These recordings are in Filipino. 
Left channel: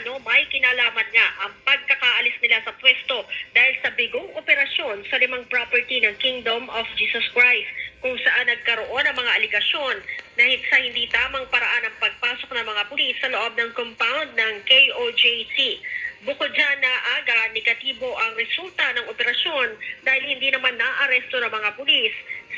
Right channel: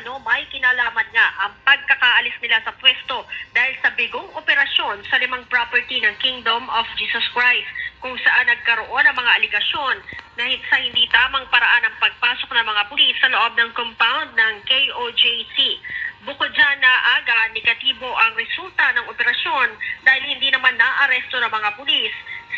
umano may kinalaman nga ang pagkakaalis nila sa pwesto dahil sa bigong operasyon sa 5 property ng Kingdom of Jesus Christ, kung saan nagkaroon ng mga aligasyon na sa hindi tamang paraan ang pagpasok ng mga pulis sa loob ng compound ng KOJC. Bukod dyan na negatibo ang resulta ng operasyon dahil hindi naman naaresto ng mga pulis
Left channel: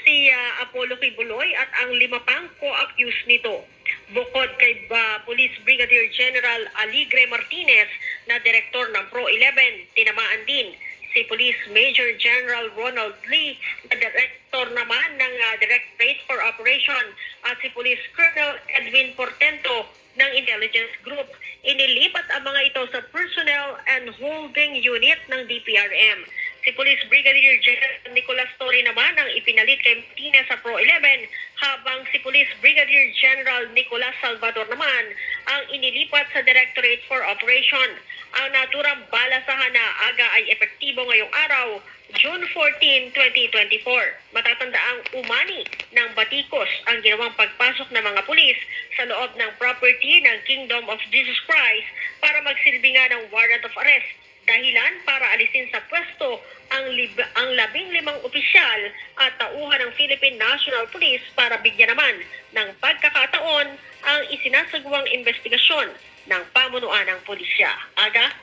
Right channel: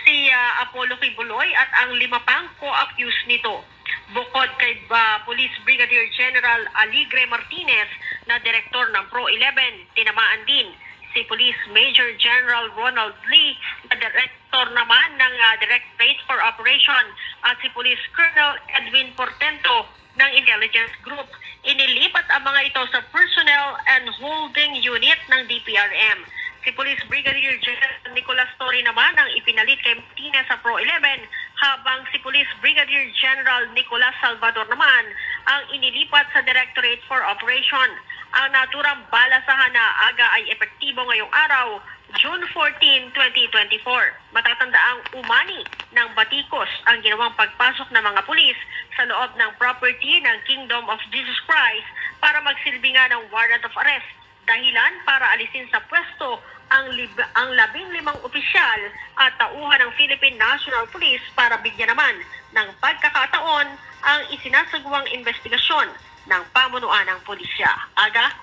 si Apollo Kibuloy at ang 5 pang co-accused nito. Bukod kay Police Brigadier General Aligre Martinez na direktor ng Pro-11, tinamaan din si Police Major General Ronald Lee na direktor naman ng Directorate for Operation at si Police Colonel Edwin Portento ng Intelligence Group. Inilipat ang mga ito sa Personnel and Holding Unit ng DPRM. Si Police Brigadier General Nicolas Torre naman ang ipinalit kay Martinez sa Pro-11, habang si Police Brigadier General Nicolas Salvador naman ang inilipat sa Directorate for Operation. Ang naturang balasahan na aga ay epektibo ngayong araw, June 14, 2024. Matatandaang umani ng batikos ang ginawang pagpasok ng mga pulis sa loob ng property ng Kingdom of Jesus Christ para magsilbi nga ng warrant of arrest. Dahilan para alisin sa pwesto ang 15 opisyal at tauhan ng Philippine National Police para bigyan naman ng pagkakataon ang isinasagawang investigasyon ng pamunuan ng pulisya. Aga?